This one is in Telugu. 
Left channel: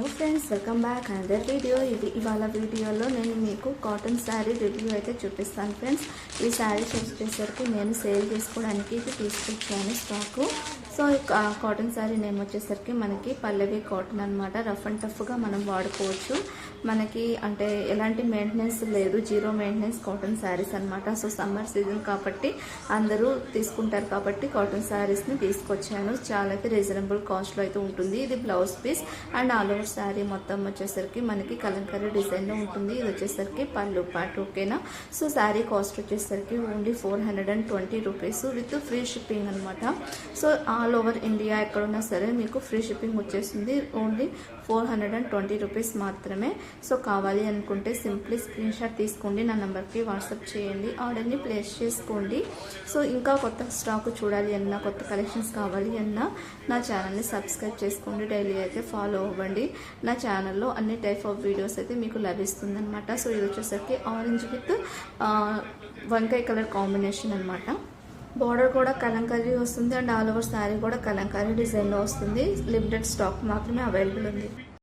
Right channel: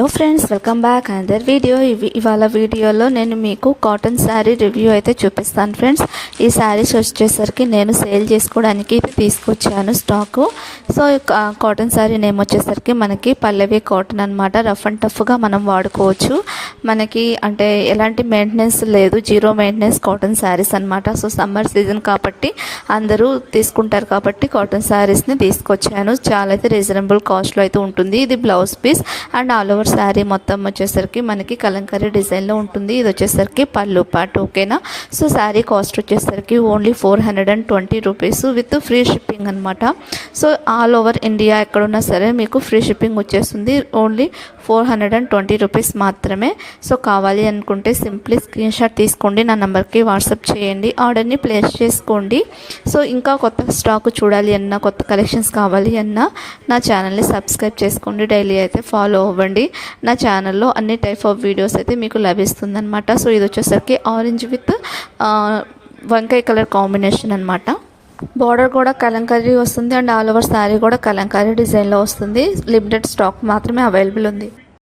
Hello friends, welcome back another video. ఇవాళ వీడియోలో నేను మీకు కాటన్ శారీ రివ్యూ అయితే చూపిస్తాను ఫ్రెండ్స్. ఈ శారీస్ వచ్చేసరికి నేను సేల్ చేసుకోవడానికి తీసుకొచ్చాను stock. So cotton sari name వచ్చేసరికి మనకి పల్లవి కాటన్ అనమాట. రఫ్ అండ్ టఫ్గా మనం వాడుకోవచ్చు. మనకి అంటే ఎలాంటి మెయింటెనెన్స్ లేదు, జీరో మెయింటెనెన్స్ కాటన్ శారీస్ అనమాట. సో సమ్మర్ సీజన్ కాబట్టి అందరూ తీసుకుంటారు కాబట్టి కాటన్ శారీస్ని తీసుకొచ్చాను. చాలా అయితే రీజనబుల్ కాస్ట్లో అయితే ఉంటుంది. ఇది blouse piece and all over sari మొత్తం వచ్చేసరికి మనకి కలంకారీ డిజైన్లో ఉంటుంది. ఇది వచ్చేసరికి పళ్ళు పాటు, ఓకేనా. సో శారీ కాస్ట్ వచ్చేసరికి only 420 rupees with free shipping అనమాట. సో ఆల్ ఓవర్ ఇండియా ఎక్కడున్నా సరే మీకు ఫ్రీ షిప్పింగ్ వచ్చేస్తుంది. ఓన్లీ 420 రూపీస్ మాత్రమే. సో కావాలి అనుకుంటే సింప్లీ స్క్రీన్ షాట్ తీసుకోండి, నా నెంబర్కి వాట్సాప్ చేయండి, ఆర్డర్ని ప్లేస్ చేసుకోండి. సో ఇంకా కొత్త స్టాక్ చూడాలి అన్నా, కొత్త కలెక్షన్స్ కావాలి అన్నా నా ఛానల్ని సబ్స్క్రైబ్ చేసుకోండి. డైలీ అయితే ఫాలో అవ్వండి. నా ఛానల్లో అన్ని టైప్ ఆఫ్ వీడియోస్ అయితే మీకు లభిస్తుందన్నమాట. సో ఇది వచ్చేసరికి ఆరెంజ్ విత్ వంకాయ కలర్ కాంబినేషన్ అనమాట. బార్డర్ కూడా కలంకారీ వస్తుంది అండ్ ఆల్ ఓవర్ శారీ కూడా కలంకారీ డిజైన్లో వస్తుంది. లిమిటెడ్ స్టాక్ మాత్రమే అవైలబుల్ ఉంది.